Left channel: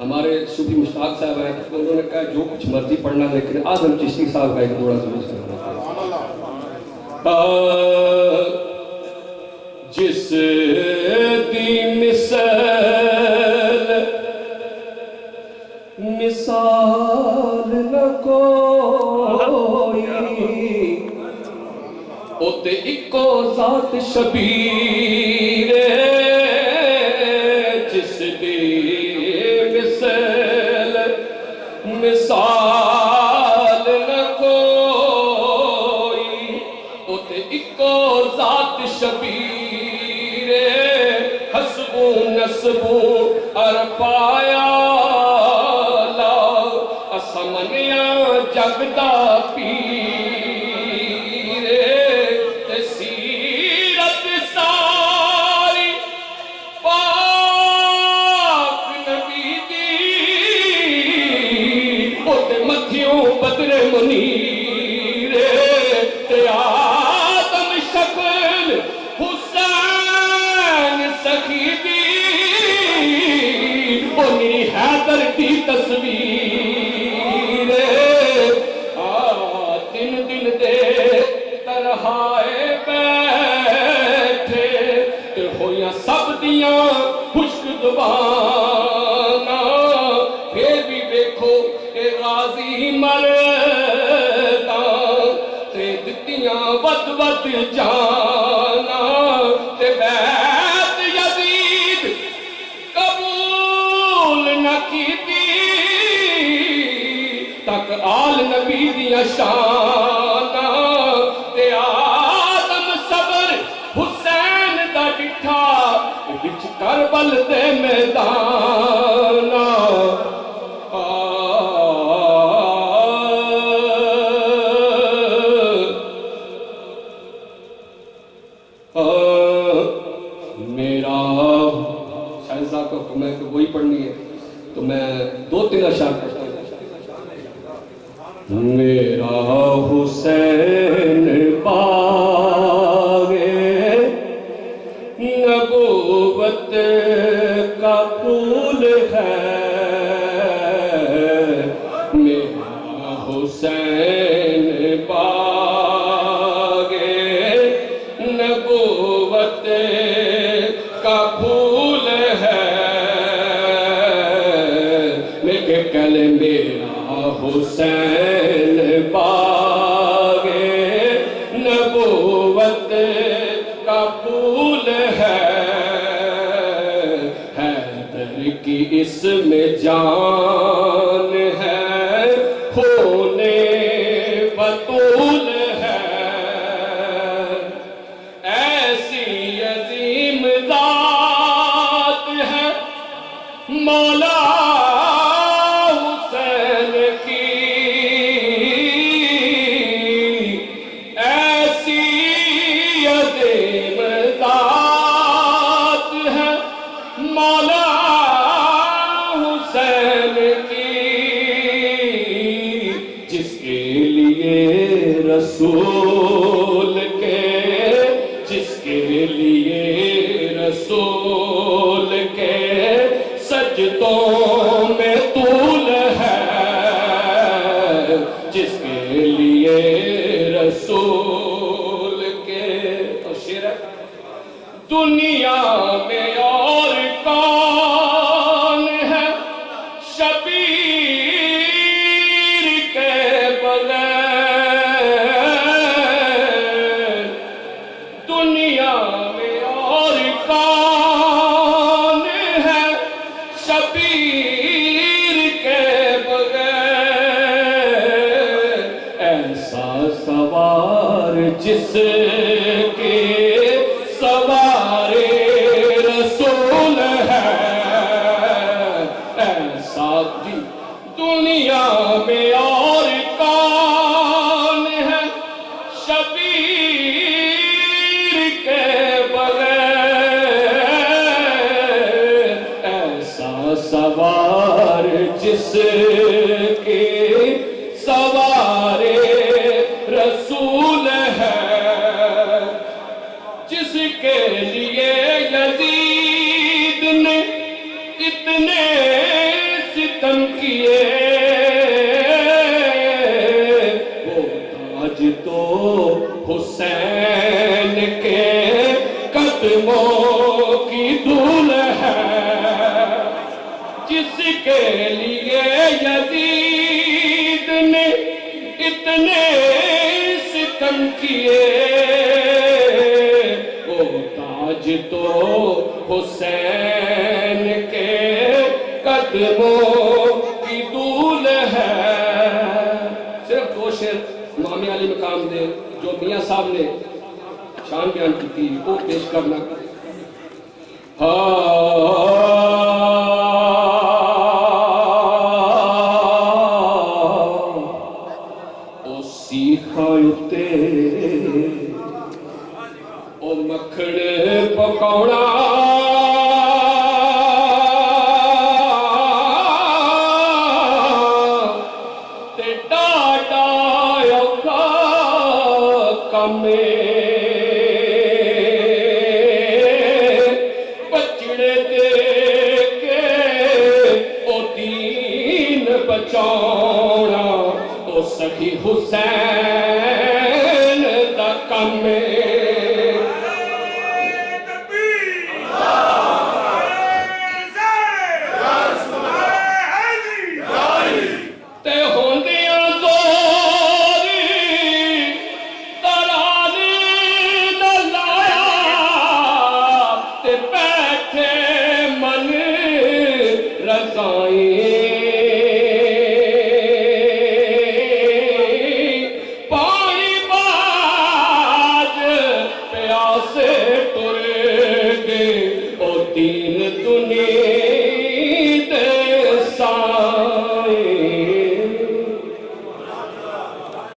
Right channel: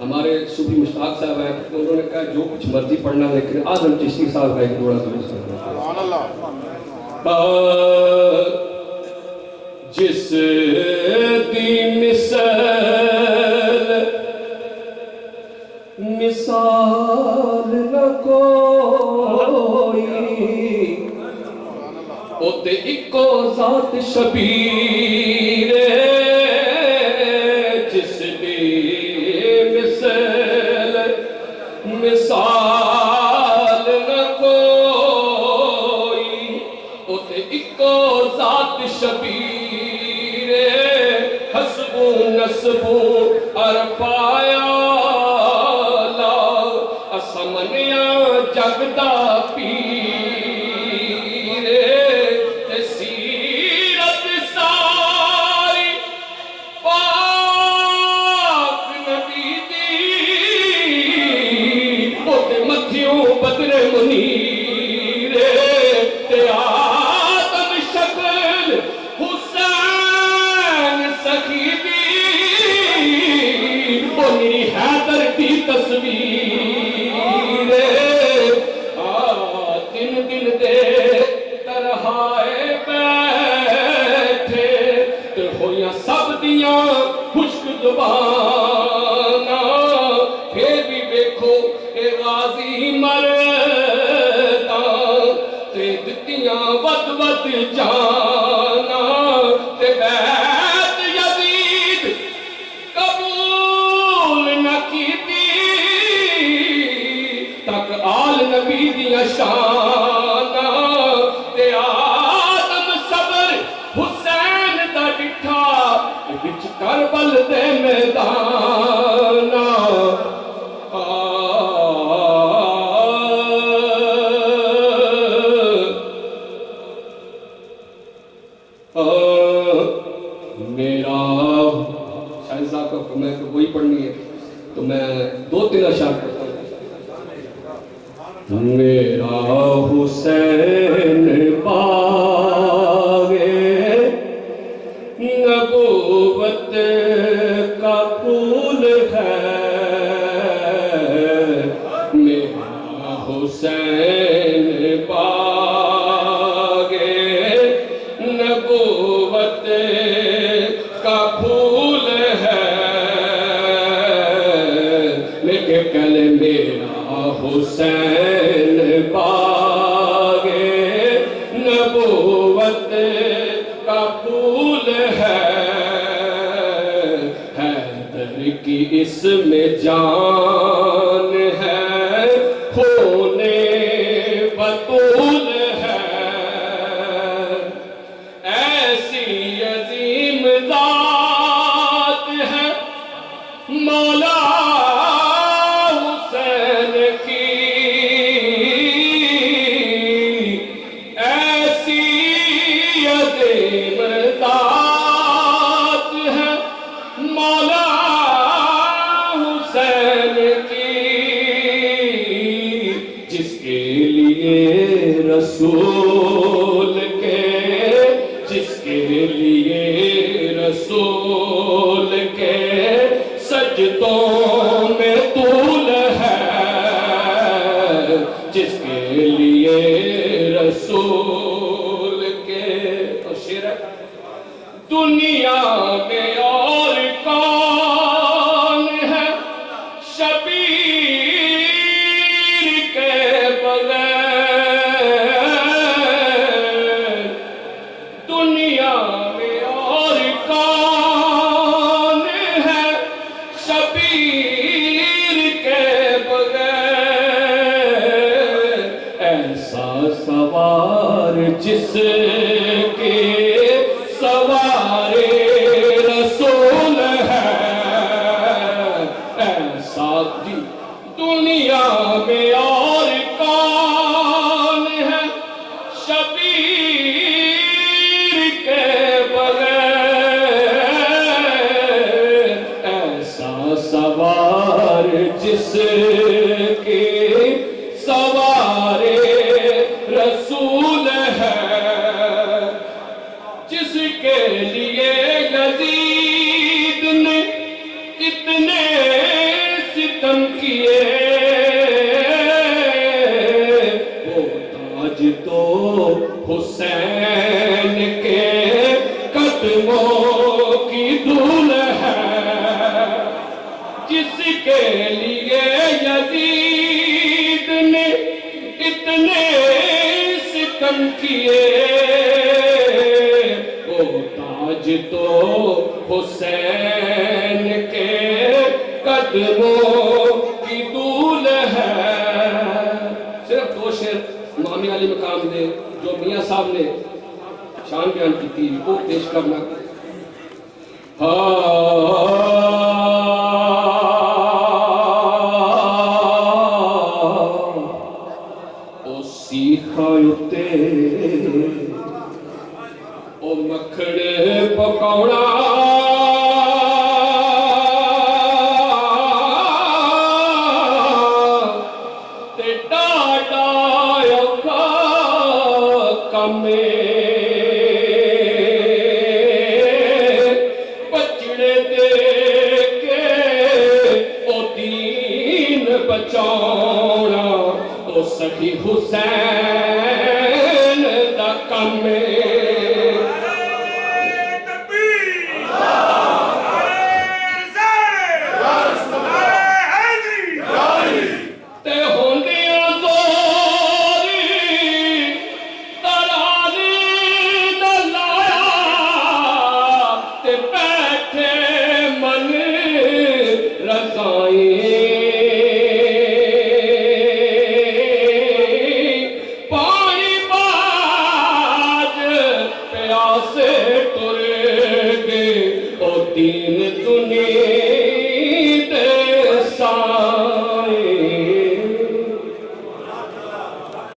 ہمارے صوفی مشتاق صاحب ہیں، انہوں نے کہا جو کچھ مرضی پڑھنا لیکن اعظم چشتی صاحب کا ایک تھوڑا سا جس دی مثال نہ کوئی او تے اکو ذات شبیر جس دی مثال نہ کوئی او تے اکو ذات شبیر حسبو نسبو ارپایا لا اسمنیا جگدا پیر تے سیرت ساری پاک نبی دی او تے متھیوں بدر منیر تے آدم شکل حسین سخی دی او میری حیدر دی تصویر دن دن دے ترہائے بیٹھے تے ہویاں سب دیاں خشک زباناں پھر بھی دیکھو اے غازی مرداں تے دتیاں ود ود جاناں تے بیعت یزید قبول نہ کیتی تک آل نبی دیاں شاناں تے آدم صبر حسین دا ڈٹھا وچ کربل دے میداناں میرا شاہزہ کو حکم ہے کہ وہی پڑھنی ہے تو میں دو تین اشعار پڑھتا ہوں. میرا حسین باغ نبوت کا پھول ہے میرا حسین باغ نبوت کا پھول ہے لیکن کل میرا حسین باغ نبوت کا پھول ہے حیدر کی اس میں جان ہے ہونے بطول ہے ایسی عظیم ذات ہے مولا حسین کی ایسی عظیم ذات ہے مولا حسین کی جس کے لیے رسول کے جس کے لیے رسول کے سجدوں میں طول ہے جس کے لیے رسول کے تو شعر ہے دنیا میں اور کون ہے شبیر کے بغیر دنیا میں اور کون ہے شبیر کے بغیر ایسا سوار جس کے سوار رسول ہے ایسا دنیا میں اور کون ہے شبیر کے بغیر ایسا سوار جس کے سوار رسول ہے جس کے لیے یزید جس کے لیے یزید نے اتنے ستم کیے وہ تاج تو حسین کے قدموں کی دول ہے. صرف دو شعر امام علی مقام دے جو میاں صاحب نے شان بیان کی تھی وہ پیش کرنا. او سیکھاں اتے او مکھڑ پکوڑا تے ڈاڈا اوکھا کمے بچاؤنا او سخی حسین دا کم تے ہوندیاں زوری ترانی نہ لایا تے بیٹھے من رضائیں دین دنیا